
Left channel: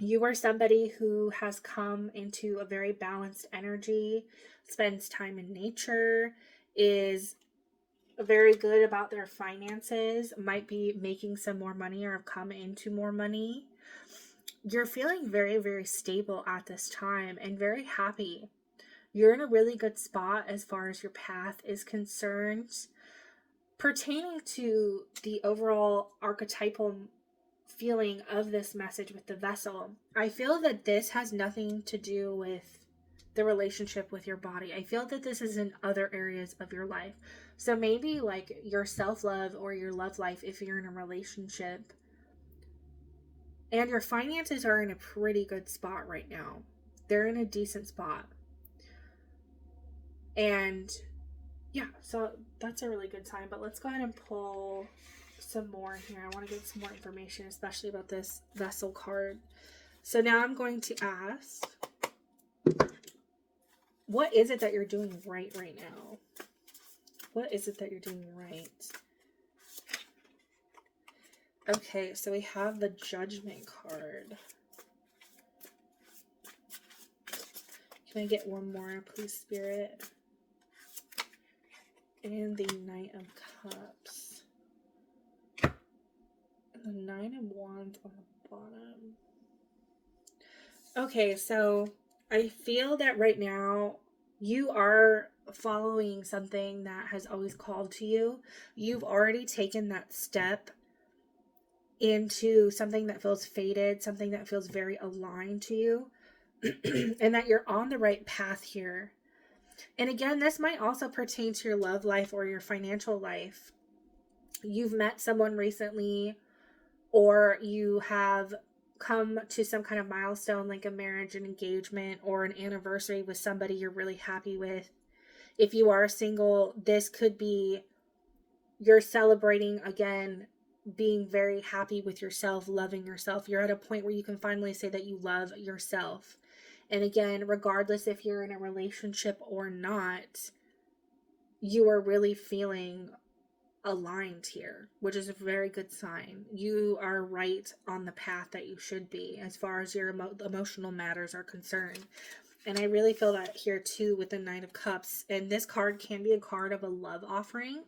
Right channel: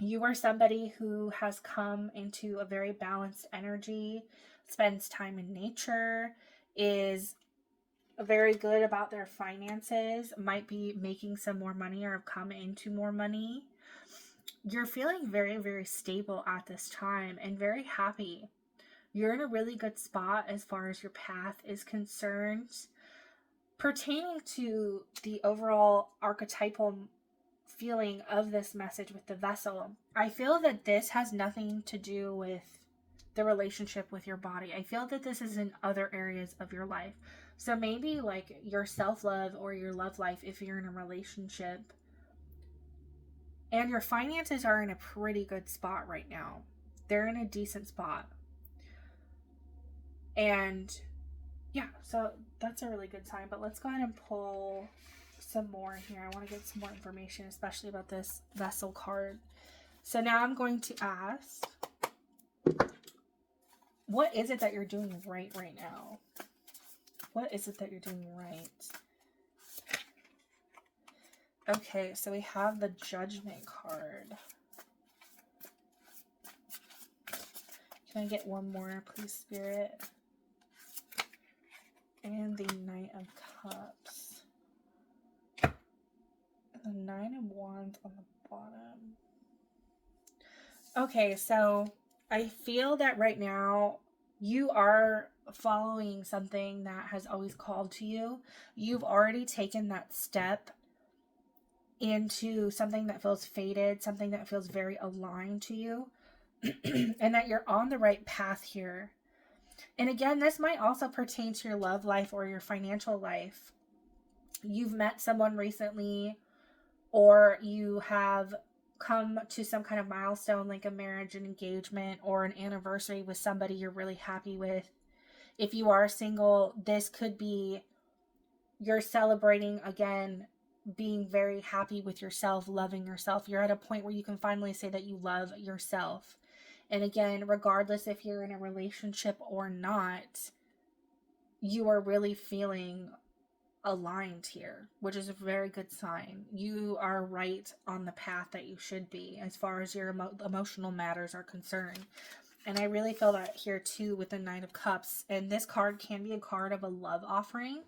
you are somebody who has come into a very balanced energy, spends time in nature, is very good about their finances, might be making some more money or have come into more money. You're feeling very, very stable at this time and very happy. You're in a really good spot as far as your path is concerned. Pertaining to the overall archetypal feeling of this message with the Vessel, I feel that this has nothing to do with the relationship with your body. I feel that this is in other areas of your life. So maybe like your self-love or your love life if you're in a relationship. And your finances are in a pretty good spot right now. They're in a decent spot. And yeah, so that's a really good sign. But let's go ahead and pull some more here. I want to get some more information, especially about this Vessel card. So now I'm going to ask, what is it that you're doing right now? What is it that you're doing right? Okay, so we have the Judgment card. Can I get one more, please, Spirit? And the Knight of Cups. And the Nine of Wands on the bottom. Okay, so I feel that right now you are following something that has always called to you. You've already taken that step into something that feels fated, something that feels very aligned to you, and that you're on the right path here. And again, this might also pertain to your love life or your financial life. You've met someone recently, or you have come to some kind of milestone like a marriage, an engagement, or an anniversary with somebody you're really happy with. If you are single, this could be you're celebrating again, being very happy with yourself, loving yourself. You're at a point where you can finally say that you love yourself. And again, regardless if you're in a relationship or not, you are really feeling aligned here, which is a very good sign. You are right on the path that you should be as far as your emotional matters are concerned. And I really feel that here too with the Knight of Cups. And this card can be a card of a love offering.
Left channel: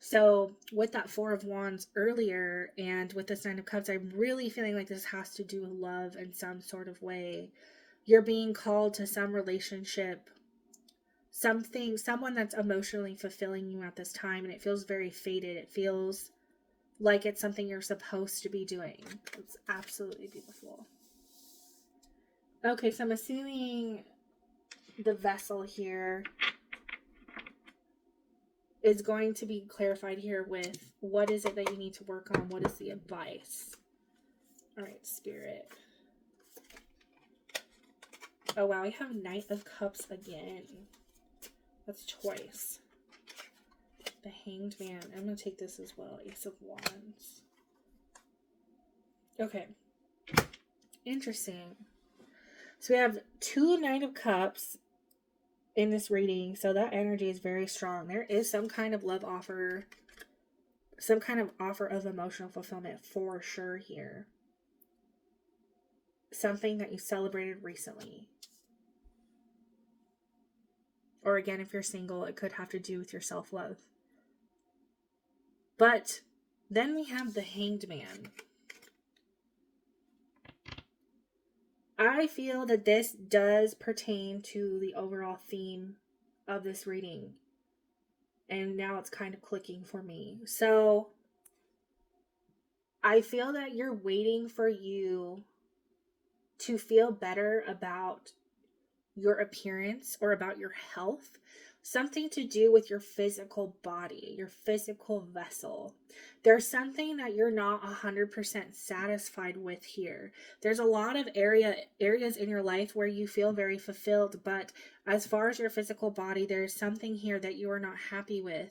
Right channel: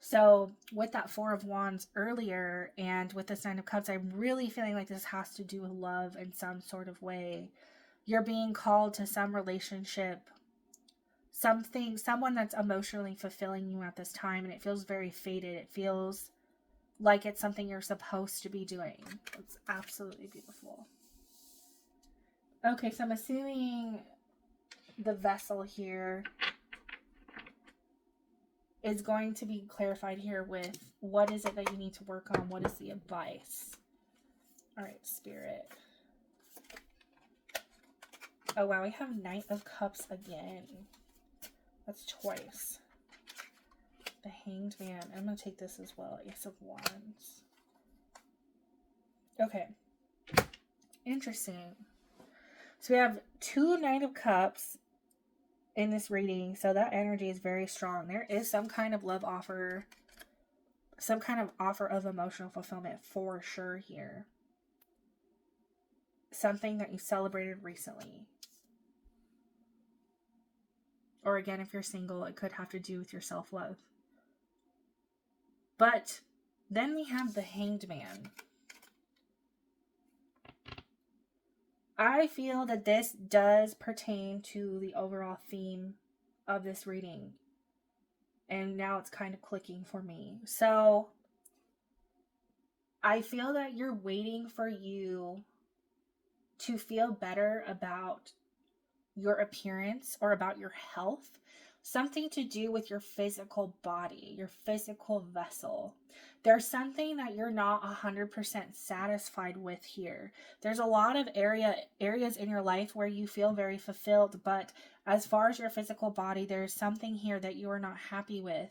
So with that Four of Wands earlier and with this Nine of Cups, I'm really feeling like this has to do with love in some sort of way. You're being called to some relationship, someone that's emotionally fulfilling you at this time, and it feels very fated. It feels like it's something you're supposed to be doing. It's absolutely beautiful. Okay, so I'm assuming the vessel here is going to be clarified here with what is it that you need to work on? What is the advice? All right, Spirit. Oh, wow, we have Knight of Cups again. That's twice. The Hanged Man. I'm going to take this as well. Ace of Wands. Okay. Interesting. So we have 2 Knight of Cups in this reading, so that energy is very strong. There is some kind of love offer, some kind of offer of emotional fulfillment for sure here. Something that you celebrated recently. Or again, if you're single, it could have to do with your self-love. But then we have the Hanged Man. I feel that this does pertain to the overall theme of this reading. And now it's kind of clicking for me. So I feel that you're waiting for you to feel better about your appearance or about your health. Something to do with your physical body, your physical vessel. There's something that you're not 100% satisfied with here. There's a lot of areas in your life where you feel very fulfilled, but as far as your physical body, there's something here that you are not happy with.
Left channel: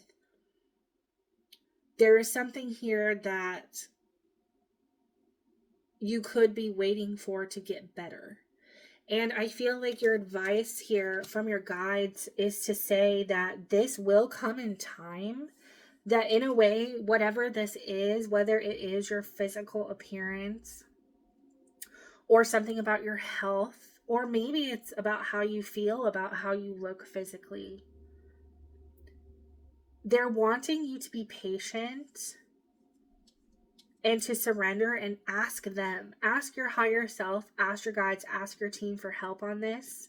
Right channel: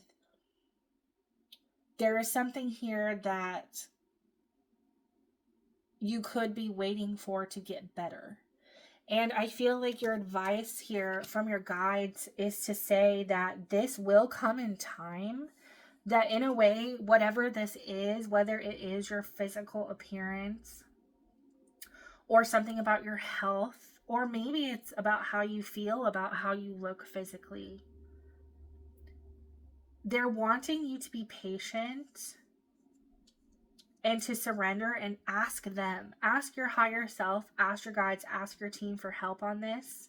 There is something here that you could be waiting for to get better. And I feel like your advice here from your guides is to say that this will come in time. That in a way, whatever this is, whether it is your physical appearance or something about your health, or maybe it's about how you feel, about how you look physically, they're wanting you to be patient and to surrender and ask them. Ask your higher self, ask your guides, ask your team for help on this.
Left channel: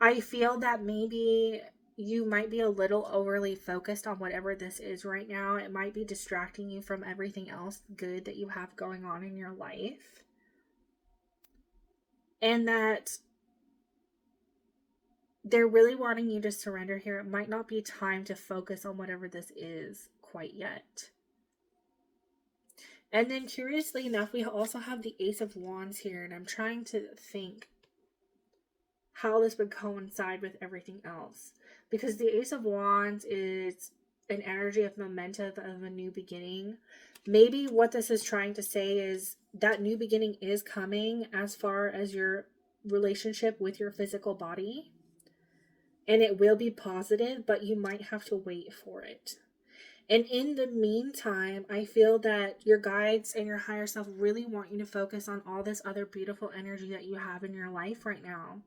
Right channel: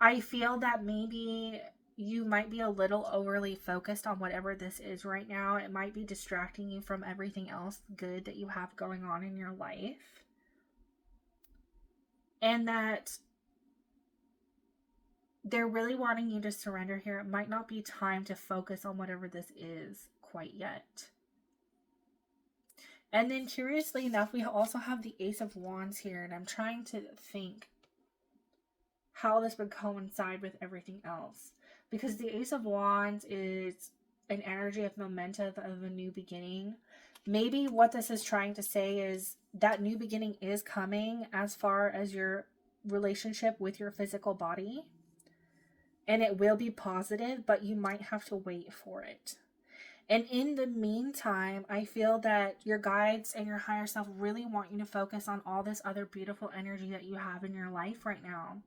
I feel that maybe you might be a little overly focused on whatever this is right now. It might be distracting you from everything else good that you have going on in your life. And that they're really wanting you to surrender here. It might not be time to focus on whatever this is quite yet. And then curiously enough, we also have the Ace of Wands here. And I'm trying to think how this would coincide with everything else. Because the Ace of Wands is an energy of momentum, of a new beginning. Maybe what this is trying to say is that new beginning is coming as far as your relationship with your physical body. And it will be positive, but you might have to wait for it. And in the meantime, I feel that your guides and your higher self really want you to focus on all this other beautiful energy that you have in your life right now.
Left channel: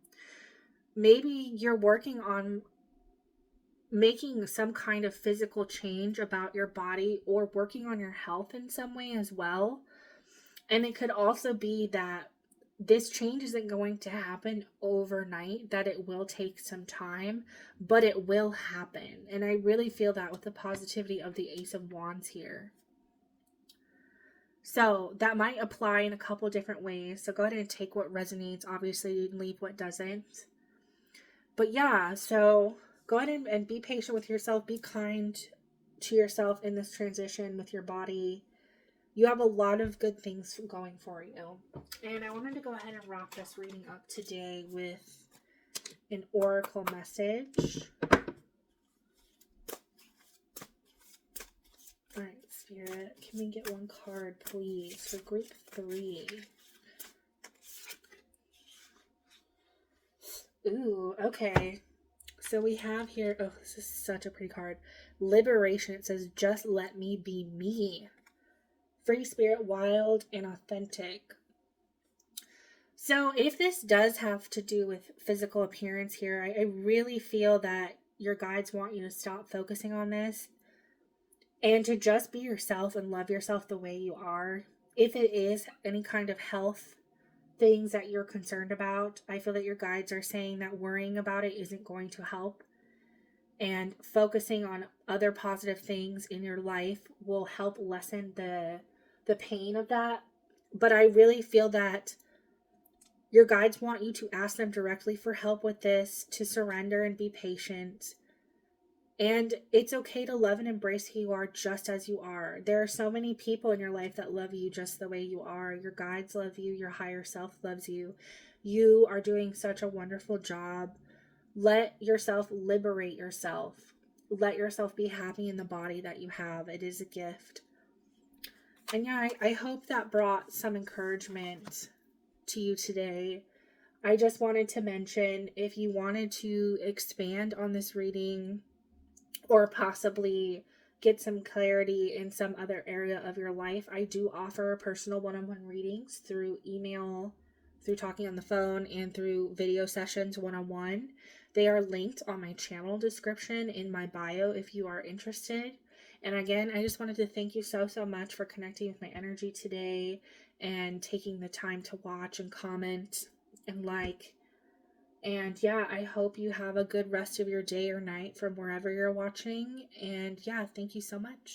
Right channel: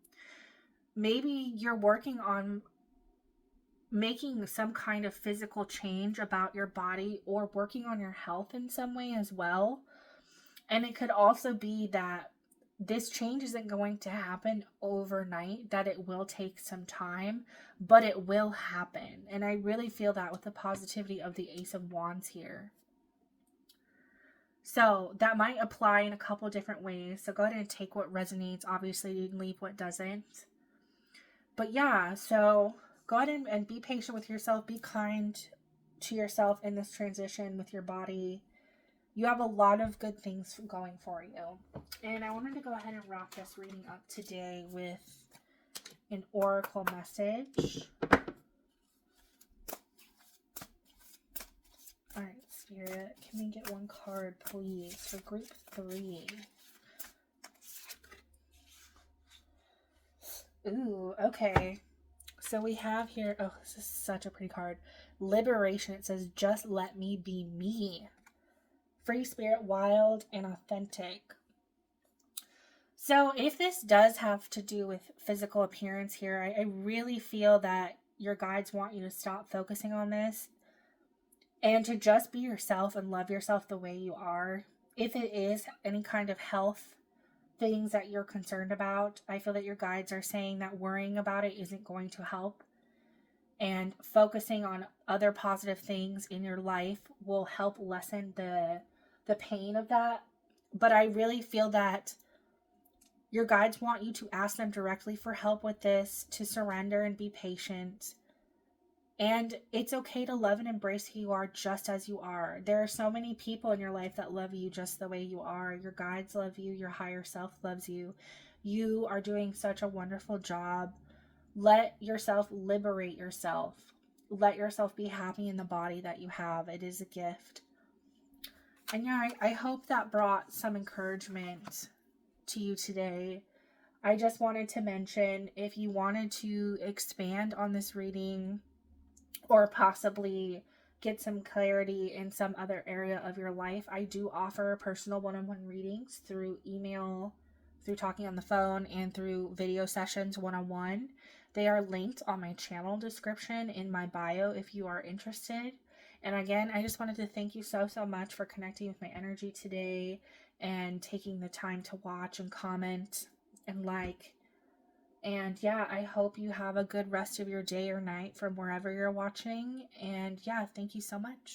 Maybe you're working on making some kind of physical change about your body or working on your health in some way as well. And it could also be that this change isn't going to happen overnight, that it will take some time, but it will happen. And I really feel that with the positivity of the Ace of Wands here. So that might apply in a couple different ways. So go ahead and take what resonates, obviously, and leave what doesn't. But yeah, so go ahead and be patient with yourself. Be kind to yourself in this transition with your body. You have a lot of good things going for you. And I wanted to go ahead and wrap this reading up today with an oracle message. Alright, Spirit, can we get one card, please, for group 3? Ooh, okay. So we have here, oh, this is such a pretty card. Liberation. It says, just let me be me. Free spirit, wild, and authentic. So if this does have to do with physical appearance here, I really feel that your guides want you to stop focusing on this. and to just be yourself and love yourself the way you are. If it is any kind of health things that you're concerned about, I feel that your guides are saying that worrying about it isn't going to help. And focusing on other positive things in your life will help lessen the pain of that. But I really feel that your guides want you to ask them directly for help with this, to surrender and be patient. And it's okay to love and embrace who you are just as you are. There are so many people in your life that love you just the way you are. Your guides love you. Your higher self loves you. You are doing such a wonderful job. Let yourself liberate yourself. Let yourself be happy in the body that you have. It is a gift. And yeah, I hope that brought some encouragement to you today. I just wanted to mention, if you wanted to expand on this reading or possibly get some clarity in some other area of your life, I do offer personal one-on-one readings through email, through talking on the phone, and through video sessions one-on-one. They are linked on my channel description in my bio if you are interested. And again, I just wanted to thank you so much for connecting with my energy today and taking the time to watch and comment and like. And yeah, I hope you have a good rest of your day or night from wherever you're watching. And yeah, thank you so much.